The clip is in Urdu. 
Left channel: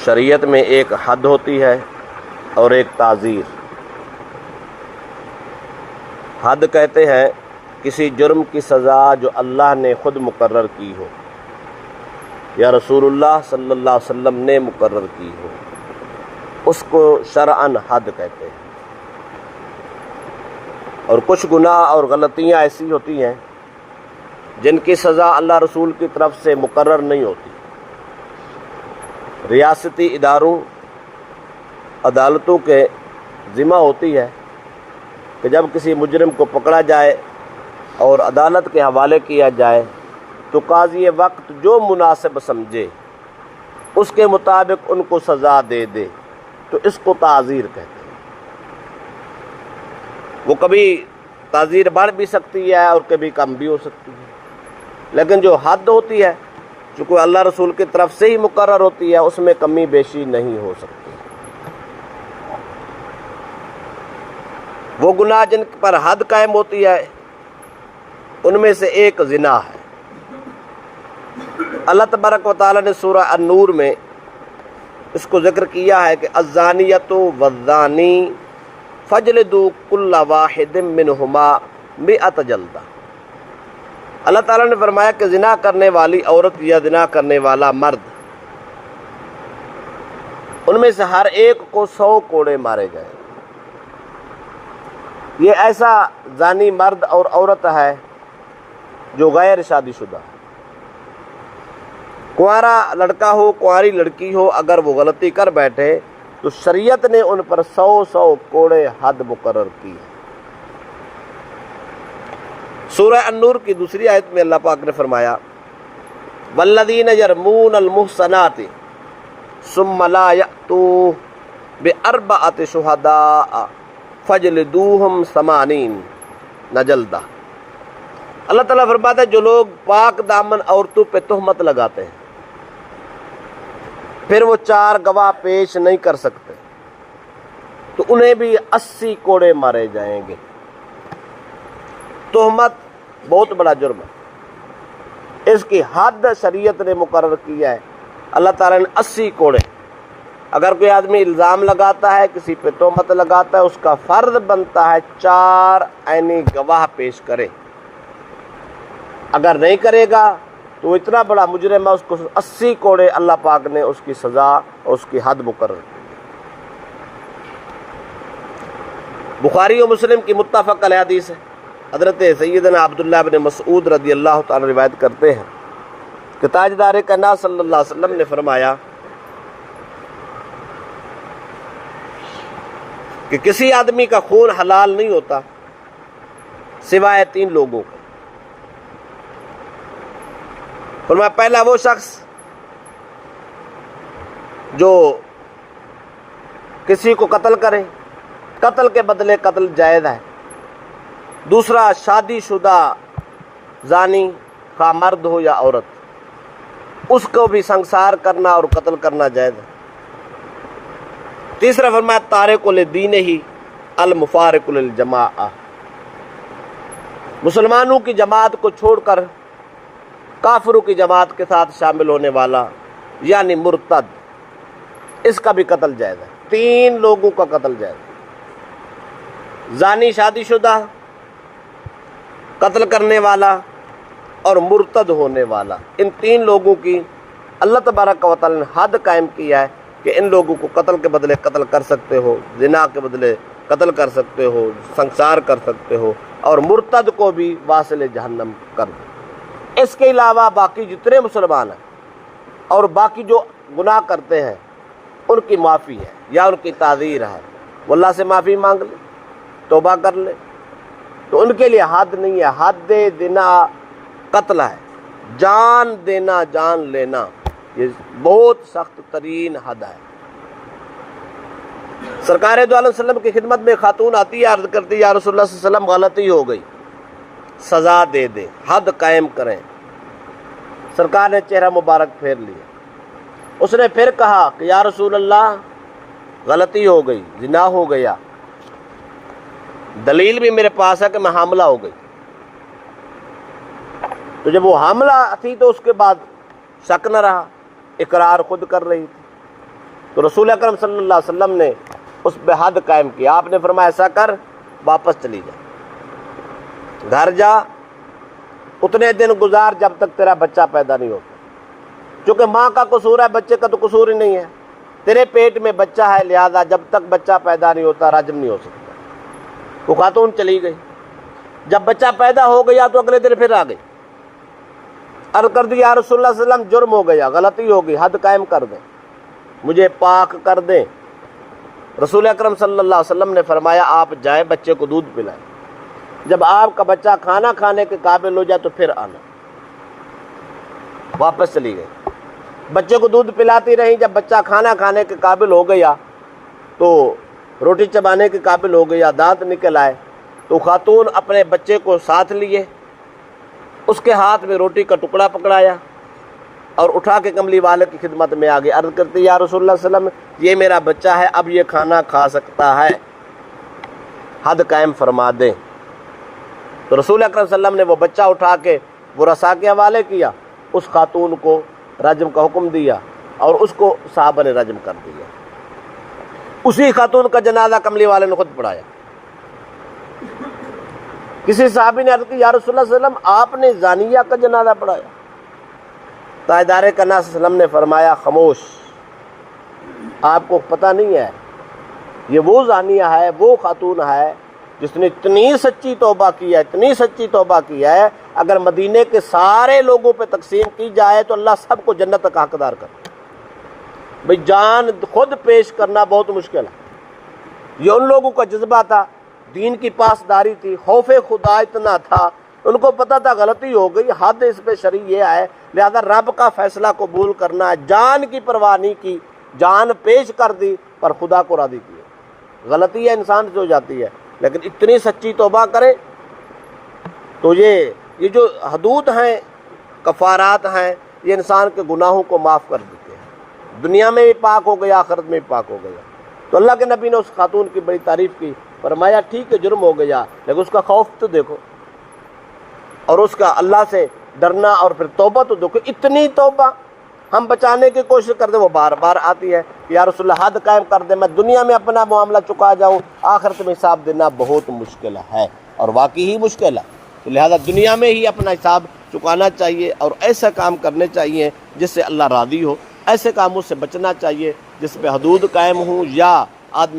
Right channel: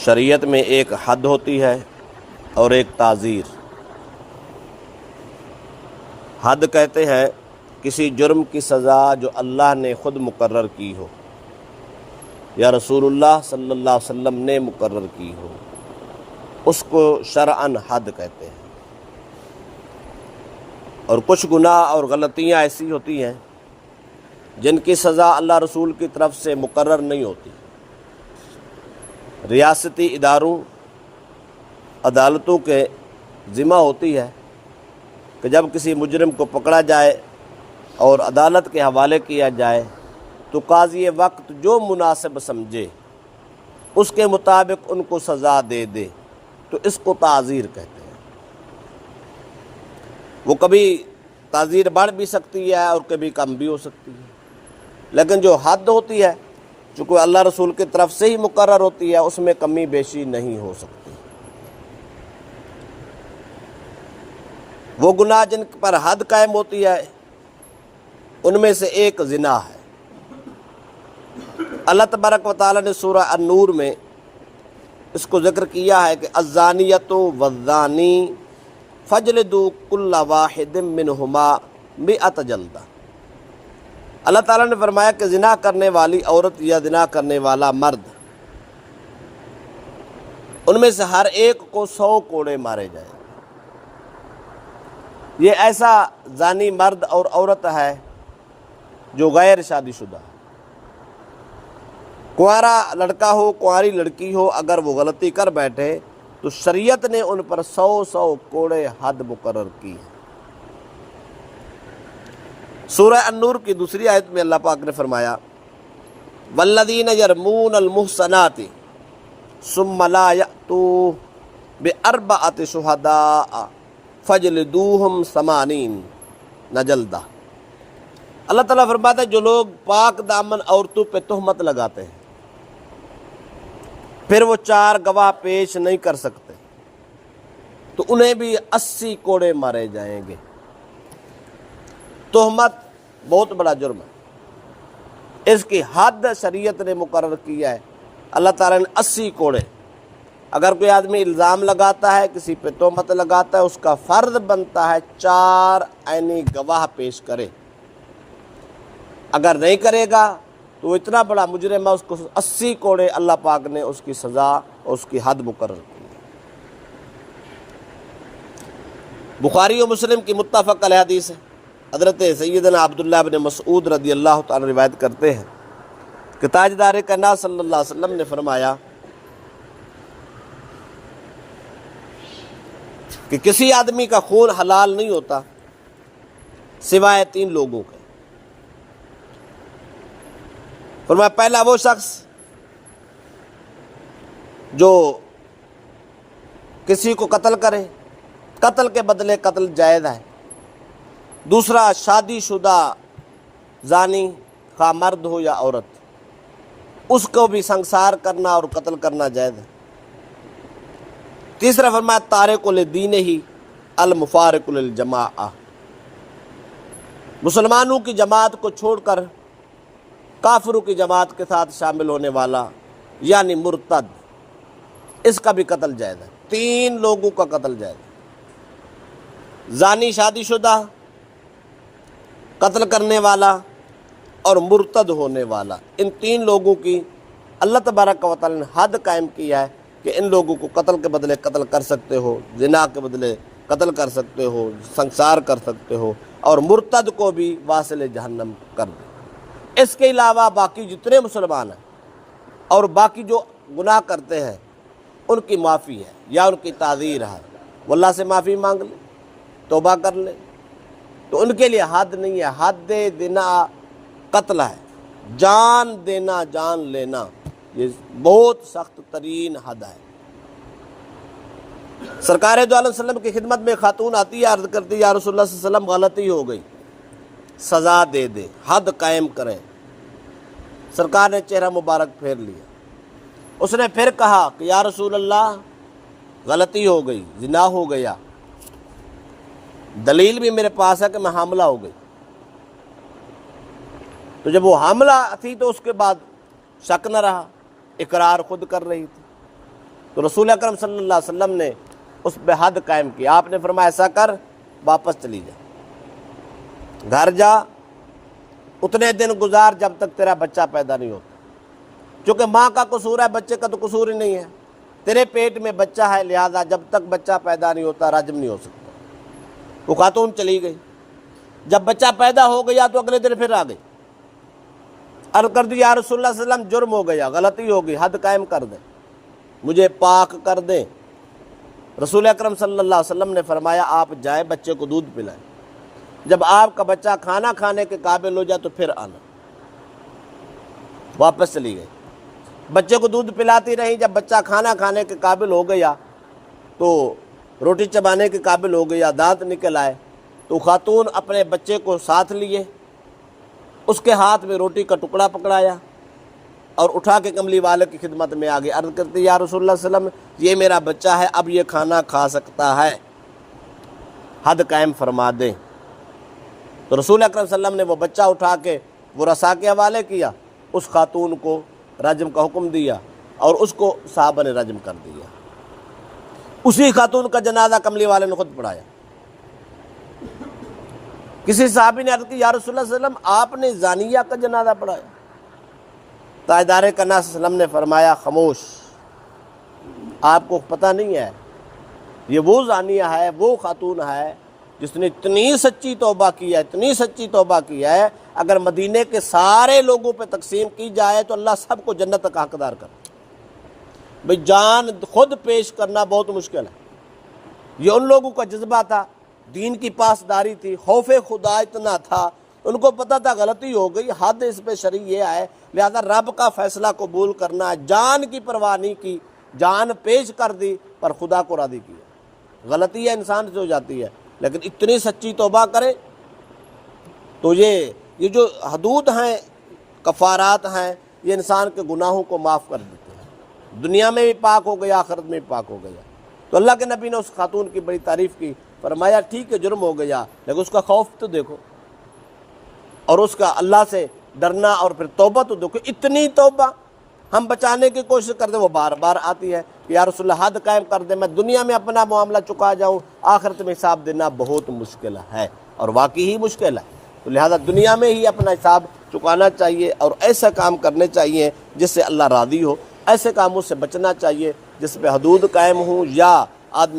شریعت میں ایک حد ہوتی ہے اور ایک تعزیر۔ حد کہتے ہیں کسی جرم کی سزا جو اللہ نے خود مقرر کی ہو یا رسول اللہ صلی اللہ علیہ وسلم نے مقرر کی ہو، اس کو شرعاً حد کہتے ہیں۔ اور کچھ گناہ اور غلطیاں ایسی ہوتی ہیں جن کی سزا اللہ رسول کی طرف سے مقرر نہیں ہوتی۔ ریاستی اداروں، عدالتوں کے ذمہ ہوتی ہے کہ جب کسی مجرم کو پکڑا جائے اور عدالت کے حوالے کیا جائے تو قاضی وقت جو مناسب سمجھے اس کے مطابق ان کو سزا دے دے، تو اس کو تعزیر کہتے ہیں۔ وہ کبھی تعزیر بڑھ بھی سکتی ہے اور کبھی کم بھی ہو سکتی ہے، لیکن جو حد ہوتی ہے چونکہ اللہ رسول کی طرف سے ہی مقرر ہوتی ہے، اس میں کمی بیشی نہیں ہو سکتی۔ وہ گناہ جن پر حد قائم ہوتی ہے ان میں سے ایک زنا ہے۔ اللہ تبارک و تعالیٰ نے سورہ النور میں اس کو ذکر کیا ہے کہ الزانیۃ والزانی فاجلدوا کل واحد منہما 100 جلدہ۔ اللہ تعالیٰ نے فرمایا کہ زنا کرنے والی عورت یا زنا کرنے والا مرد، ان میں سے ہر ایک کو 100 کوڑے مارے جائیں۔ یہ ایسا زانی مرد اور عورت ہے جو غیر شادی شدہ ہے۔ کنوارا لڑکا ہو، کنواری لڑکی ہو، اگر وہ غلطی کر بیٹھے تو شریعت نے ان پر 100 کوڑے حد مقرر کی ہے۔ سورہ النور کی دوسری آیت میں اللہ پاک نے فرمایا والذین یرمون المحصنات ثم لا یأتوا بأربعة شہداء فجلدوہم 80 جلدہ۔ اللہ تعالیٰ فرماتا ہے جو لوگ پاک دامن عورتوں پہ تہمت لگاتے ہیں پھر وہ 4 گواہ پیش نہیں کر سکتے تو انہیں بھی 80 کوڑے مارے جائیں گے۔ تہمت بہت بڑا جرم ہے، اس کی حد شریعت نے مقرر کیا ہے۔ اللہ تعالیٰ نے 80 کوڑے۔ اگر کوئی آدمی الزام لگاتا ہے، کسی پہ تہمت لگاتا ہے، اس کا فرض بنتا ہے 4 عینی گواہ پیش کرے۔ اگر نہیں کرے گا تو وہ اتنا بڑا مجرم ہے، اس کو 80 کوڑے اللہ پاک نے اس کی سزا اور اس کی حد مقرر کی۔ بخاری و مسلم کی متفق علیہ حدیث ہے، حضرت سیدنا عبداللہ بن مسعود رضی اللہ تعالی روایت کرتے ہیں کہ تاجدار کائنات صلی اللہ علیہ وسلم نے فرمایا کہ کسی آدمی کا خون حلال نہیں ہوتا سوائے 3 لوگوں کے۔ فرمایا پہلا وہ شخص جو کسی کو قتل کرے، قتل کے بدلے قتل جائز ہے۔ دوسرا شادی شدہ زانی، خواہ مرد ہو یا عورت، اس کو بھی سنسار کرنا اور قتل کرنا جائز ہے۔ تیسرا فرمایا تارک لدینہ المفارق للجماعہ، مسلمانوں کی جماعت کو چھوڑ کر کافروں کی جماعت کے ساتھ شامل ہونے والا یعنی مرتد، اس کا بھی قتل جائز ہے۔ 3 لوگوں کا قتل جائز ہے، زانی شادی شدہ، قتل کرنے والا اور مرتد ہونے والا۔ ان 3 لوگوں کی اللہ تبارک و تعالی نے حد قائم کیا ہے کہ ان لوگوں کو قتل کے بدلے قتل کر سکتے ہو، زنا کے بدلے قتل کر سکتے ہو، سنسار کر سکتے ہو، اور مرتد کو بھی واصل جہنم کر دو۔ اس کے علاوہ باقی جتنے مسلمان ہیں اور باقی جو گناہ کرتے ہیں ان کی معافی ہے یا ان کی تعزیر ہے، وہ اللہ سے معافی مانگ لے، توبہ کر لے، تو ان کے لیے حد نہیں ہے۔ حد دینا قتل ہے، جان دینا، جان لینا، یہ بہت سخت ترین حد ہے۔ سرکار دو علیہ وسلم کی خدمت میں خاتون آتی ہے، عرض کرتی ہے یا رسول اللہ صلی اللہ علیہ وسلم غلطی ہو گئی، سزا دے دے، حد قائم کریں۔ سرکار نے چہرہ مبارک پھیر لیا۔ اس نے پھر کہا کہ یا رسول اللہ غلطی ہو گئی، زنا ہو گیا، دلیل بھی میرے پاس ہے کہ میں حاملہ ہو گئی۔ تو جب وہ حاملہ تھی تو اس کے بعد شک نہ رہا، اقرار خود کر رہی تھی۔ تو رسول اکرم صلی اللہ علیہ وسلم نے اس پہ حد قائم کیا. آپ نے فرمایا ایسا کر واپس چلی جا, گھر جا, اتنے دن گزار جب تک تیرا بچہ پیدا نہیں ہوتا. چونکہ ماں کا قصور ہے, بچے کا تو قصور ہی نہیں ہے. تیرے پیٹ میں بچہ ہے, لہذا جب تک بچہ پیدا نہیں ہوتا رجم نہیں ہو سکتا. وہ خاتون چلی گئی. جب بچہ پیدا ہو گیا تو اگلے دن پھر آ گئی. عرض کر دی یا رسول اللہ صلی اللہ علیہ وسلم جرم ہو گیا, غلطی ہو گئی, حد قائم کر دیں, مجھے پاک کر دیں. رسول اکرم صلی اللہ علیہ وسلم نے فرمایا آپ جائیں بچے کو دودھ پلائیں, جب آپ کا بچہ کھانا کھانے کے قابل ہو جائے تو پھر آنا. واپس چلی گئی. بچے کو دودھ پلاتی رہی. جب بچہ کھانا کھانے کے قابل ہو گیا تو روٹی چبانے کے قابل ہو گیا, دانت نکل آئے, تو خاتون اپنے بچے کو ساتھ لیے, اس کے ہاتھ میں روٹی کا ٹکڑا پکڑایا اور اٹھا کے کملی والے کی خدمت میں آگے. عرض کرتی یا رسول اللہ صلی اللہ علیہ وسلم یہ میرا بچہ ہے, اب یہ کھانا کھا سکتا ہے, حد قائم فرما دیں. تو رسول اکرم صلی اللہ علیہ وسلم نے وہ بچہ اٹھا کے وہ رسا کے حوالے کیا, اس خاتون کو رجم کا حکم دیا اور اس کو صحابہ نے رجم کر دیا. اسی خاتون کا جنازہ کملی والے نے خود پڑھایا. کسی صحابی نے عرض کی یا رسول اللہ صلی اللہ علیہ وسلم آپ نے زانیہ کا جنازہ پڑھایا. تاجدار کنا صلی اللہ علیہ وسلم نے فرمایا خاموش, آپ کو پتہ نہیں ہے یہ وہ زانیہ ہے, وہ خاتون ہے جس نے اتنی سچی توبہ کی ہے, اتنی سچی توبہ کی ہے, اگر مدینے کے سارے لوگوں پہ تقسیم کی جائے تو اللہ سب کو جنت کا حقدار کرے. بھئی جان خود پیش کرنا بہت مشکل ہے. یہ ان لوگوں کا جذبہ تھا, دین کی پاسداری تھی, خوف خدا اتنا تھا, ان کو پتہ تھا غلطی ہو گئی, حد اس پہ شرع یہ ہے, لہذا رب کا فیصلہ قبول کرنا ہے. جان کی پرواہ نہیں کی, جان پیش کر دی پر خدا کو راضی کیا. غلطی ہے انسان سے ہو جاتی ہے, لیکن اتنی سچی توبہ کرے تو یہ جو حدود ہیں, کفارات ہیں, یہ انسان کے گناہوں کو معاف کر دیتے ہیں. دنیا میں بھی پاک ہو گیا, آخرت میں بھی پاک ہو گیا. تو اللہ کے نبی نے اس خاتون کی بڑی تعریف کی, فرمایا ٹھیک ہے جرم ہو گیا لیکن اس کا خوف تو دیکھو, اور اس کا اللہ سے ڈرنا, اور پھر توبہ تو دیکھو. اتنی توبہ ہم بچانے کی کوشش کرتے وہ بار بار آتی ہے کہ یا رسول اللہ حد قائم کر دے, میں دنیا میں اپنا معاملہ چکا جاؤں, آخرت میں حساب دینا بہت مشکل ہے, اور واقعی ہی مشکل ہے. تو لہذا دنیا میں ہی اپنا حساب چکانا چاہیے اور ایسا کام کرنے چاہیے جس سے اللہ راضی ہو. ایسے کاموں سے بچنا چاہیے جس پہ حدود قائم ہوں یا آدمی